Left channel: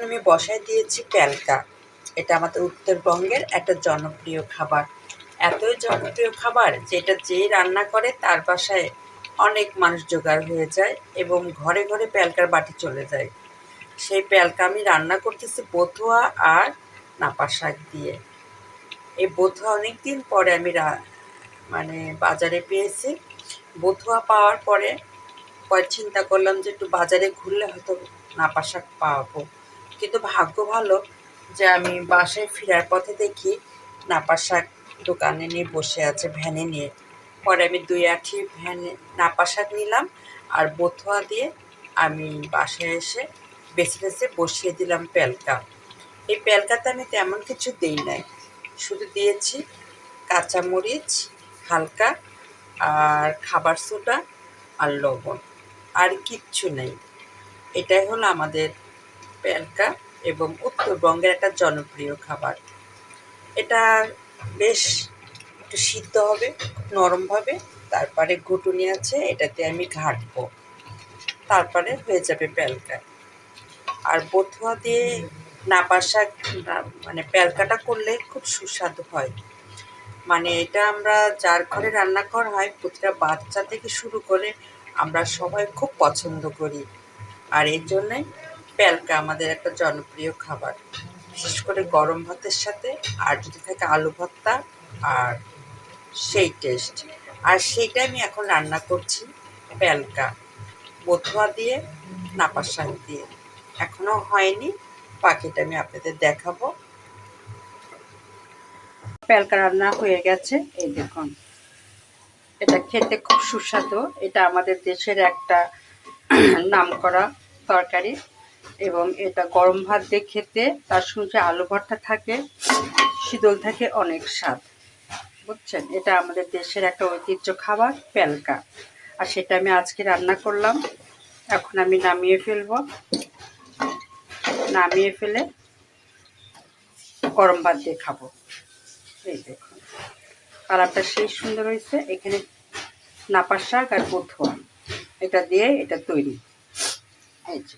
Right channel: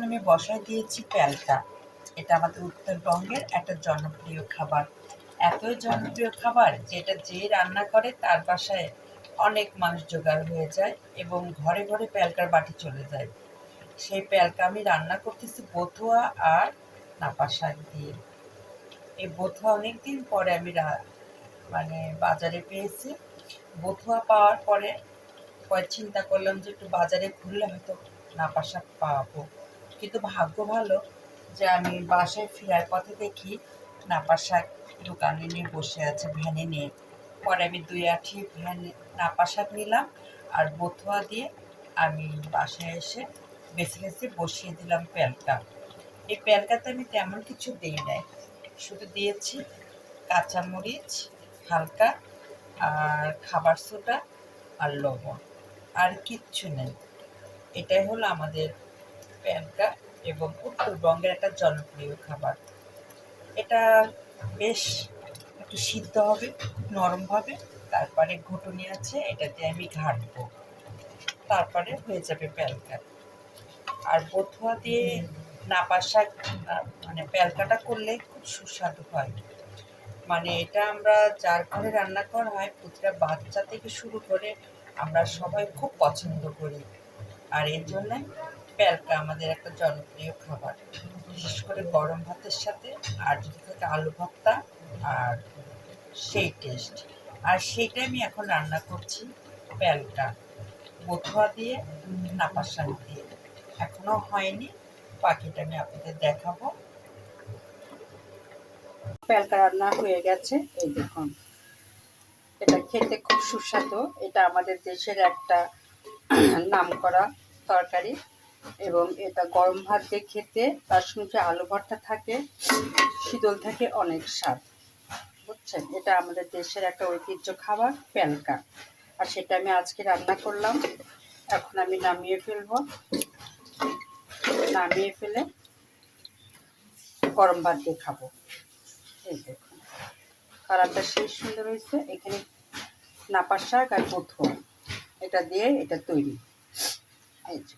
এখন আমি বসায় দিয়েছি প্যালকা। এটা আমাদের উত্তরবঙ্গের একটা জনপ্রিয় খাবার। এতই জনপ্রিয় খাবার যে এটা যেই রান্না করে তার বাসায় অনেক মানুষ জোগাড় হয়ে যায় এবং ঘরে ঘরে প্যালকার বাটি চলে যায়। সেই প্যালকা আমি রান্না করতেছি বথুয়া আর নাপা শাক দিয়ে। এই বথুয়া অনেক দিন পরে আমি মানে বাজারে পেয়েছি। বথুয়া পাওয়ার পরে চিন্তা করলাম যে একটু বাজারে ঘুরলে হয়তো নাপা শাক পাবো, কিন্তু ভাগ্য ভালো যে আমি বাসায় ফেরার পথে দেখি নাপা শাক দোকানে নিয়ে বসে আছে ভ্যানে নিয়ে। পরে আমি 2 আঁটি ভ্যানে নাপা শাক নিলাম আর বথুয়া দিয়ে আমি বাসায় এসে বেছে বেছে বসিয়ে দিলাম প্যালকা। এই প্যালকাতে আমি তেমন কিছু দিই নাই, শুধু দিয়েছি কাঁচামরিচ হালকা আর খাবার সোডা আর লবণ, আর কিচ্ছু নেই। এটাই হলো আমাদের প্যালকা এবং উত্তরবঙ্গের একটা জনপ্রিয় খাবার। এটা বেশ একটু সিদ্ধ হবে খুব নরমভাবে, তারপরে ঘুটুনি আছে এটাতে আমি ঘাঁটবো, তারপরে হয়ে যাবে প্যালকা। আর বথুয়া দিয়ে নাপা শাক মানে প্যালকাটা করলে খুব সুস্বাদু হয়। মানে এটা আমরা যার ঘরে রান্না করা হয় প্রতিটা বাচ্চা থেকে শুরু করে আমরা সবাই খুব পছন্দ করি। আর এর জন্যই প্যালকা আমাদের একটা জনপ্রিয় খাবার, বিশেষ করে গরম ভাতের সাথে। আর যদি থাকে আলু ভর্তা, আর সেই টেস্ট। আর সেইটা আমি এখন রান্না করছি প্যালকা বথুয়া দিয়ে নাপা শাক দিয়ে। এখনো হয়নি, বাকিটা আমি আপনাদের দেখাবো। প্যালকা রান্না হয়ে গেছে, এই দেখুন। এটা খেতে খুব সুস্বাদু। এটা আমাদের দেশের একটা নামকরা তরকারি এবং এটা গরম ভাত দিয়ে খেতে, তার সঙ্গে আলু ভর্তা থাকে, শীতল থাকে, অনেক স্বাদ। বুঝছেন, এটা আমাদের দেশের একটা ঐতিহ্য খাবার প্যালকা। আর সেটা আমি আজকে রান্না করলাম। এখন আমি নামিয়ে ফেলবো, নামিয়ে ফেলে গরম ভাত দিয়ে খাবো। এই দেখুন কালারটা সেই সুন্দর হয়েছে। এখানে নাপা শাক আর বথুয়া এটা দিয়ে এটা তৈরি। এই যে